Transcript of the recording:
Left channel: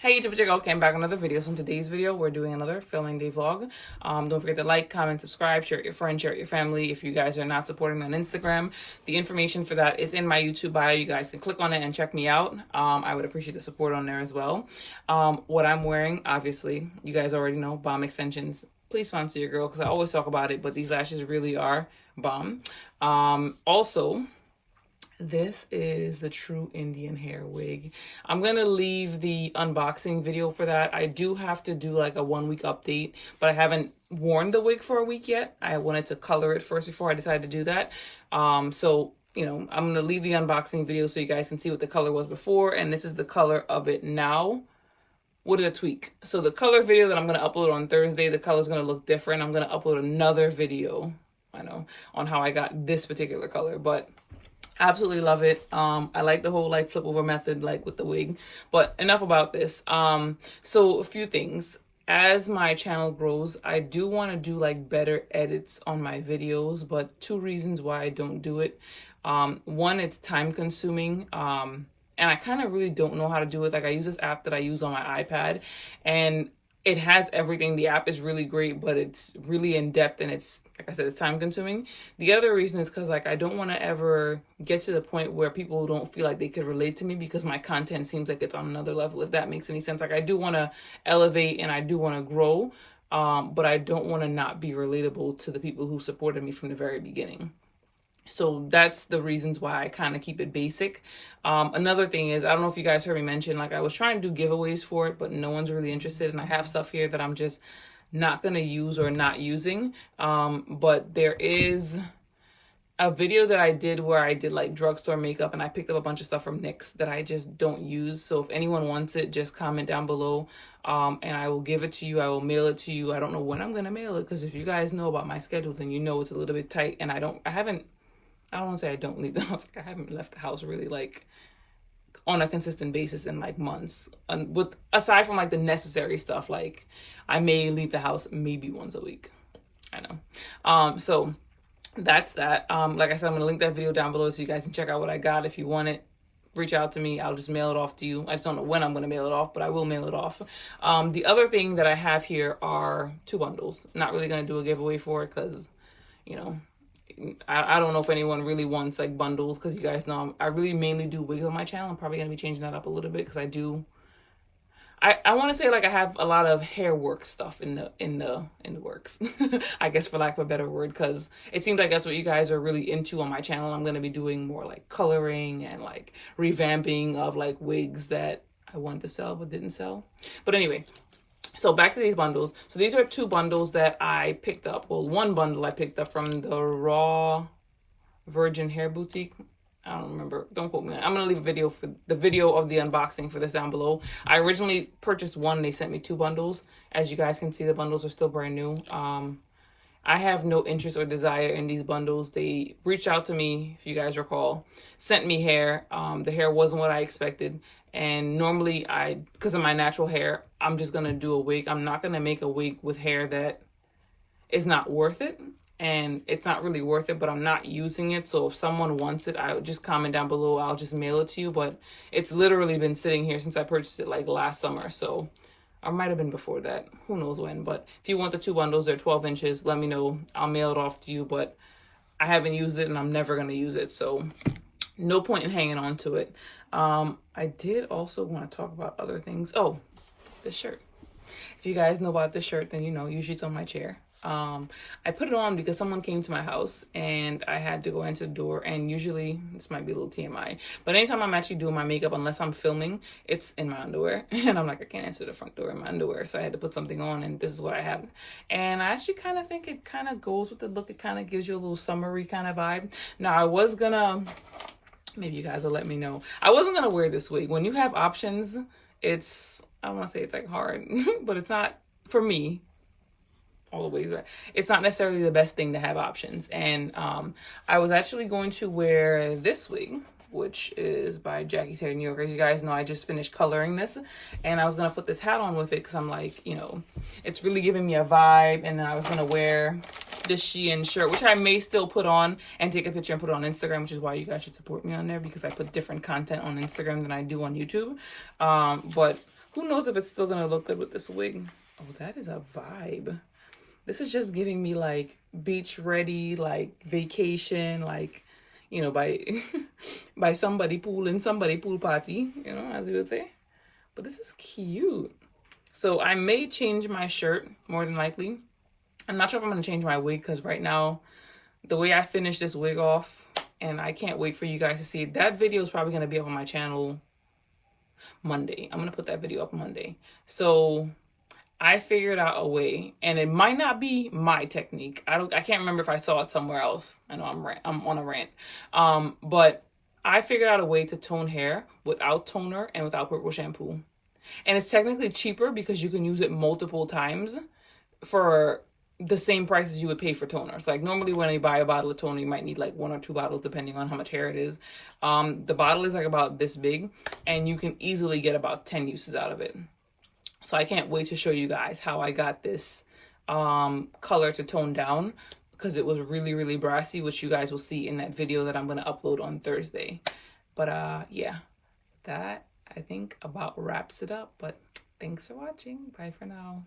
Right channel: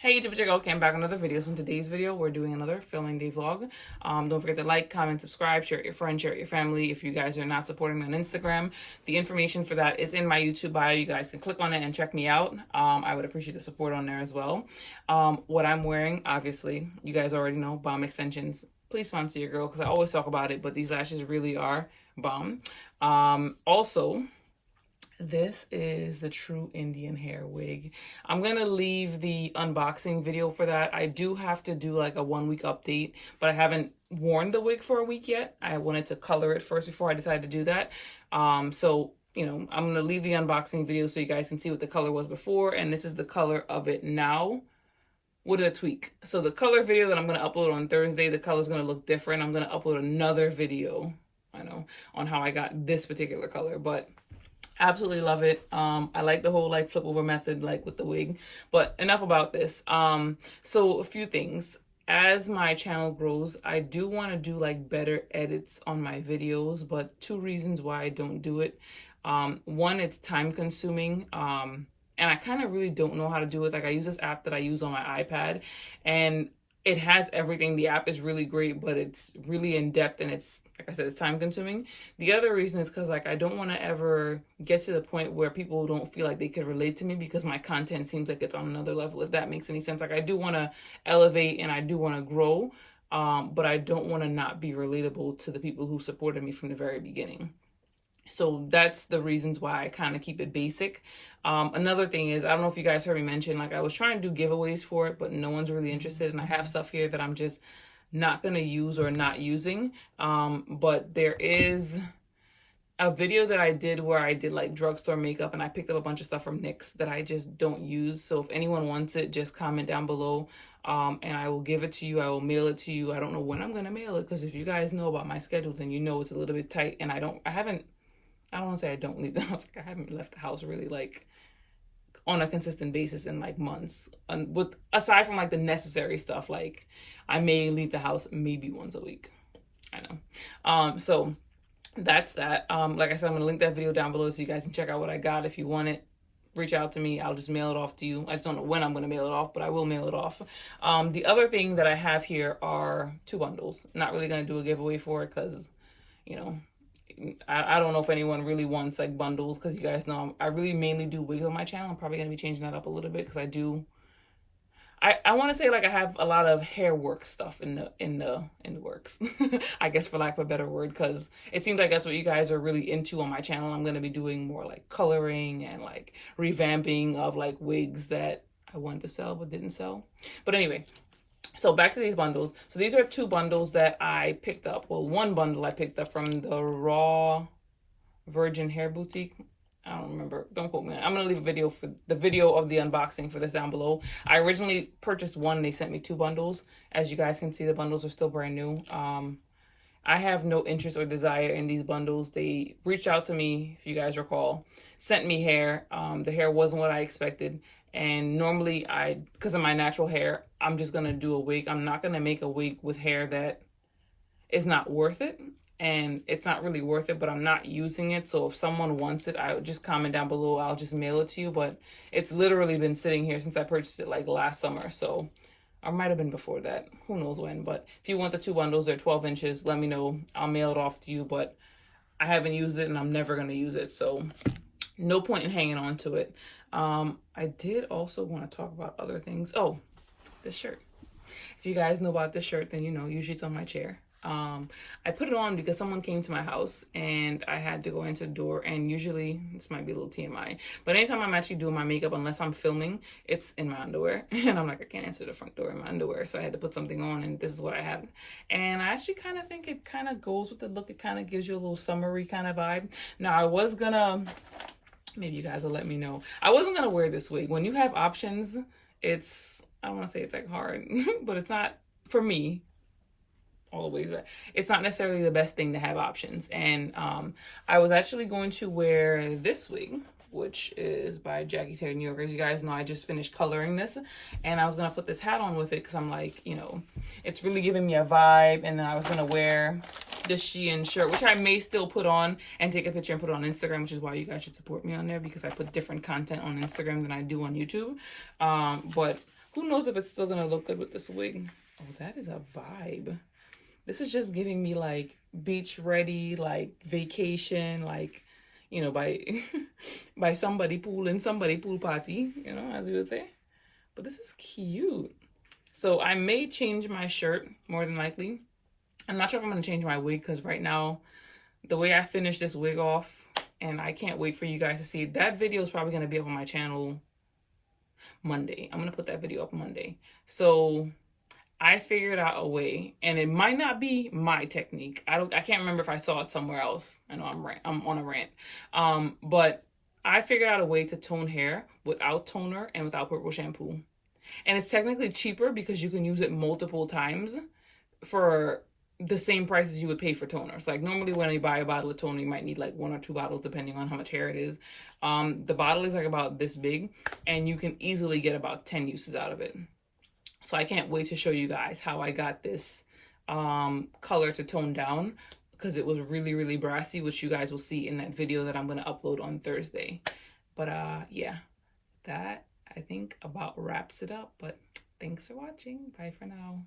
Hey YouTube, check out came back another video. So in today's video, we're doing another filming day vlog. Don't forget to like, comment, subscribe, share it with your friends, share it with your family. If you guys are not supporting me on Instagram, the information for that is in my YouTube bio. You guys can click on it and check me out. I would appreciate the support on there as well. What I'm wearing, obviously, you guys already know, bomb extensions. Please sponsor your girl because I always talk about it, but these lashes really are bomb. Also, this is the True Indian Hair wig. I'm gonna leave the unboxing video for that. I do have to do like a 1 week update, but I haven't worn the wig for a week yet. I wanted to color it first before I decided to do that. So you know, I'm gonna leave the unboxing video so you guys can see what the color was before, and this is the color of it now with a tweak. So the color video that I'm gonna upload on Thursday, the color's gonna look different. I'm gonna upload another video, I know, on how I got this particular color, but absolutely love it. I like the whole like flip over method, like with the wig, but enough about this. So a few things. As my channel grows, I do want to do like better edits on my videos, but two reasons why I don't do it. One, it's time consuming. And I kind of really don't know how to do it. Like I use this app that I use on my iPad, and it has everything. The app is really great, but it's really in depth, and it's, like I said, it's time consuming. The other reason is because like I don't want to ever get to the point where people don't feel like they could relate to me because my content seems like it's on another level, if that makes any sense. Like I do want to elevate and I do want to grow, but I don't want to not be relatable to the people who supported me from the very beginning. So that's the reasons why I kind of keep it basic. Another thing is, I don't know if you guys heard me mention, like I was trying to do giveaways for it, but no one's really interested. And I have stuff here that I'm just not going to use or not using. But there is a video that I did where I did like drugstore makeup, and I picked up a bunch of stuff from NYX that I just don't use. So if anyone wants it, just comment down below. And I will give it to you. I will mail it to you. I don't know when I'm going to mail it, because if you guys know about my schedule, then you know it's a little bit tight, and I don't want to say I don't leave the house. Like I haven't left the house really like on a consistent basis in like months. And with aside from like the necessary stuff, like I may leave the house maybe once a week. I know. So that's that. Like I said, I'm gonna link that video down below so you guys can check out what I got. If you want it, reach out to me. I'll just mail it off to you. I just don't know when I'm gonna mail it off, but I will mail it off. The other thing that I have here are 2 bundles. Not really gonna do a giveaway for it because, you know, I don't know if anyone really wants like bundles, because you guys know I really mainly do wigs on my channel. I'm probably going to be changing that up a little bit because I want to say like I have a lot of hair work stuff in the works. I guess, for lack of a better word, because it seems like that's what you guys are really into on my channel. I'm going to be doing more like coloring and like revamping of like wigs that I wanted to sell but didn't sell. But anyway, so back to these bundles. So these are 2 bundles that I picked up. Well, 1 bundle I picked up from the Raw Virgin Hair Boutique. I don't remember. Don't quote me. I'm going to leave a video for the video of the unboxing for this down below. I originally purchased 1. They sent me 2 bundles. As you guys can see, the bundles are still brand new. I have no interest or desire in these bundles. They reached out to me, if you guys recall, sent me hair. The hair wasn't what I expected. And normally because of my natural hair, I'm just going to do a wig. I'm not going to make a wig with hair that is not worth it. And it's not really worth it, but I'm not using it. So if someone wants it, I would just comment down below. I'll just mail it to you. But it's literally been sitting here since I purchased it like last summer. So I might have been before that. Who knows when. But if you want the 2 bundles, they're 12 inches. Let me know. I'll mail it off to you. But I haven't used it and I'm never going to use it. So no point in hanging on to it. I did also want to talk about other things. Oh, this shirt. If you guys know about this shirt, then you know, usually it's on my chair. I put it on because someone came to my house and I had to go into the door, and usually, this might be a little TMI, but anytime I'm actually doing my makeup, unless I'm filming, it's in my underwear. And I'm like, I can't answer the front door in my underwear. So I had to put something on, and this is what I had. And I actually kind of think it kind of goes with the look. It kind of gives you a little summery kind of vibe. Now I was gonna, maybe you guys will let me know. I wasn't going to wear this wig. When you have options, it's, I don't want to say it's like hard, but it's not, for me, all the wigs, right? It's not necessarily the best thing to have options. And I was actually going to wear this wig, which is by Jackie Terry New York. As you guys know, I just finished coloring this, and I was going to put this hat on with it because I'm like, you know, it's really giving me a vibe. And then I was going to wear this Shein shirt, which I may still put on and take a picture and put it on Instagram, which is why you guys should support me on there, because I put different content on Instagram than I do on YouTube. But Who knows if it's still gonna look good with this wig. Oh, that is a vibe. This is just giving me like beach ready, like vacation, like, you know, by by somebody pool in somebody pool party, you know, as we would say. But this is cute. So I may change my shirt more than likely. I'm not sure if I'm gonna change my wig because right now, the way I finished this wig off, and I can't wait for you guys to see it. That video is probably gonna be up on my channel Monday. I'm gonna put that video up Monday. So I figured out a way, and it might not be my technique. I can't remember if I saw it somewhere else. I know I'm on a rant. But I figured out a way to tone hair without toner and without purple shampoo. And it's technically cheaper because you can use it multiple times for the same price as you would pay for toners. Like normally when you buy a bottle of toner, you might need like 1 or 2 bottles depending on how much hair it is. The bottle is like about this big, and you can easily get about 10 uses out of it. So I can't wait to show you guys how I got this color to tone down, because it was really, really brassy, which you guys will see in that video that I'm going to upload on Thursday. But yeah, that I think about wraps it up. But thanks for watching. Bye for now.